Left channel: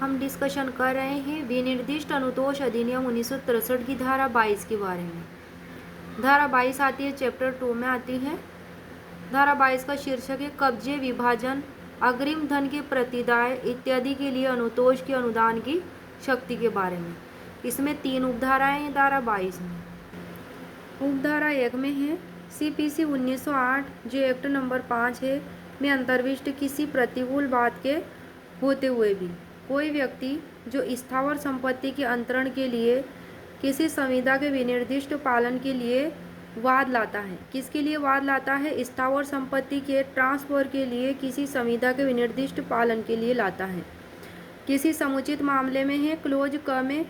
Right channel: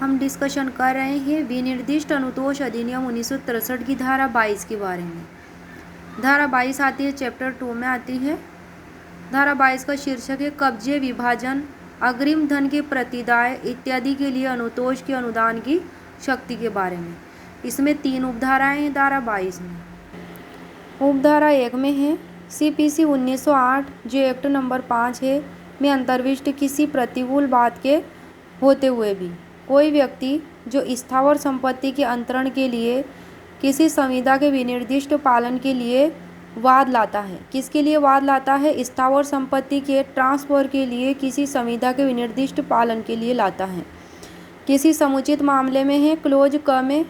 हम डिस्कशन कर रहे हैं विनिर्दिष्ट अनुतोष अधिनियम 1963 की धारा 22 के बारे में। धारा 22 आती है चैप्टर 2 में आती है। धारा 22 का शीर्षक है कब्जे, विभाजन, अग्रिम धन के प्रतिदाय इत्यादि के लिए अनुतोष के अनुदान की शक्ति के बारे में। इसमें 3 उपधाराएं हैं धारा 22 में। उपधारा 1 में है CPC 1908 जो एक्ट नंबर 5 है में अंतर्विष्ट किसी प्रतिकूल बात के होते हुए भी कोई व्यक्ति जो स्थावर संपत्ति के अंतरण के लिए किसी संविदा के विनिर्दिष्ट पालन के लिए वाद लाता है। किसके लिए वाद लाता है? स्थावर संपत्ति के ट्रांसफर के लिए किसी संविदा के विनिर्दिष्ट पालन के लिए लाता है। किसी समुचित मामले में है क्लोज क में,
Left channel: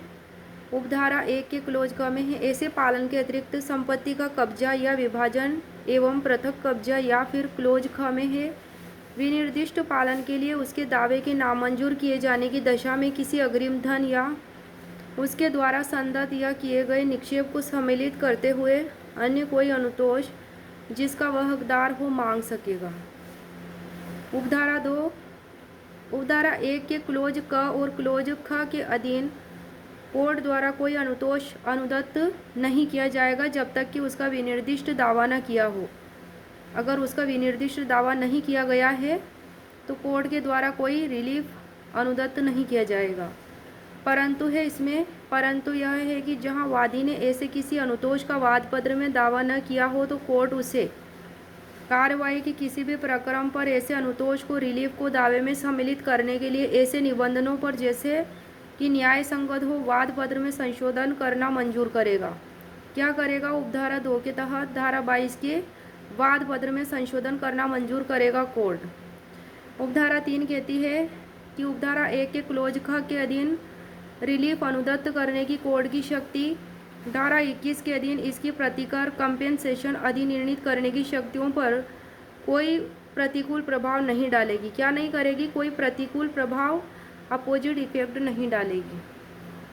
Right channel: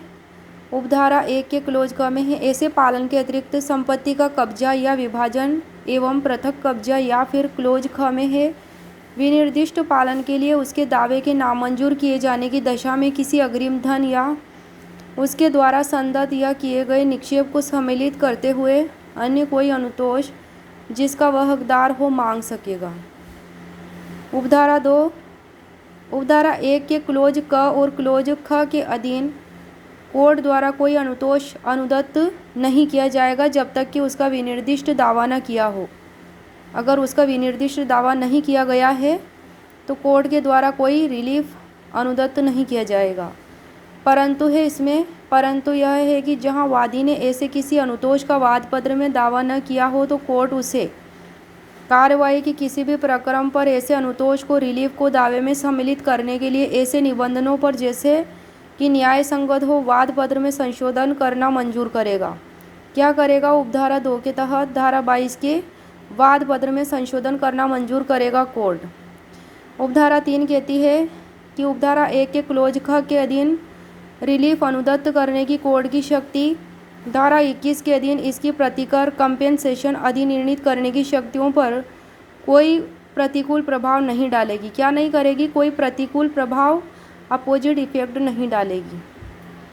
उपधारा 1 के क्लोज क में है ऐसे पालन के अतिरिक्त संपत्ति का कब्जा या विभाजन एवं पृथक कब्जा, या फिर क्लोज ख में है विनिर्दिष्ट पालन के लिए उसके दावे के नामंजूर किए जाने की दशा में किसी अग्रिम धन या उसके द्वारा संदत्त या किए गए निक्षेप को सम्मिलित करते हुए अन्य कोई अनुतोष जिसका वह हकदार हो मांग सकेगा। उपधारा 2 उपधारा 1 के क्लोज क और क्लोज ख के अधीन कोर्ट द्वारा कोई अनुतोष अनुदत्त नहीं किया जाएगा जब तक कि उसका विनिर्दिष्ट दावा न किया हो। अगर उसका विनिर्दिष्ट दावा नहीं किया गया है तो कोर्ट के द्वारा कोई रिलीफ अनुदत्त नहीं किया जाएगा। परंतु यह है कि जहां वादी ने ऐसे किसी अनुतोष का वाद पत्र में दावा न किया हो तो कोर्ट उसे कार्रवाई के किसी भी प्रकरण पर ऐसे अनुतोष को रिलीफ को दावे में सम्मिलित करने के लिए ऐसे निबंधनों पर जैसे कि न्याय संगत हो वाद पत्र में संशोधन करना मंजूर करेगा। क्या करेगा? उपधारा 2 के तहत धारा 22 के वाद पत्र में संशोधन करना मंजूर करेगा कोर्ट। उपधारा 3 कहती है कि उपधारा 1 के क्लोज ख के अधीन रिलीफ अनुदत्त करने की कोर्ट की शक्ति धारा 21 के अधीन इसकी प्रतिकर कंपेंसेशन अधिनिर्णित करने की शक्तियों पर कोई प्रतिकूल प्रभाव नहीं डालेगी। क्या नहीं करेगी? कोई प्रतिकूल प्रभाव, अपोजिट इफेक्ट नहीं डालेगी।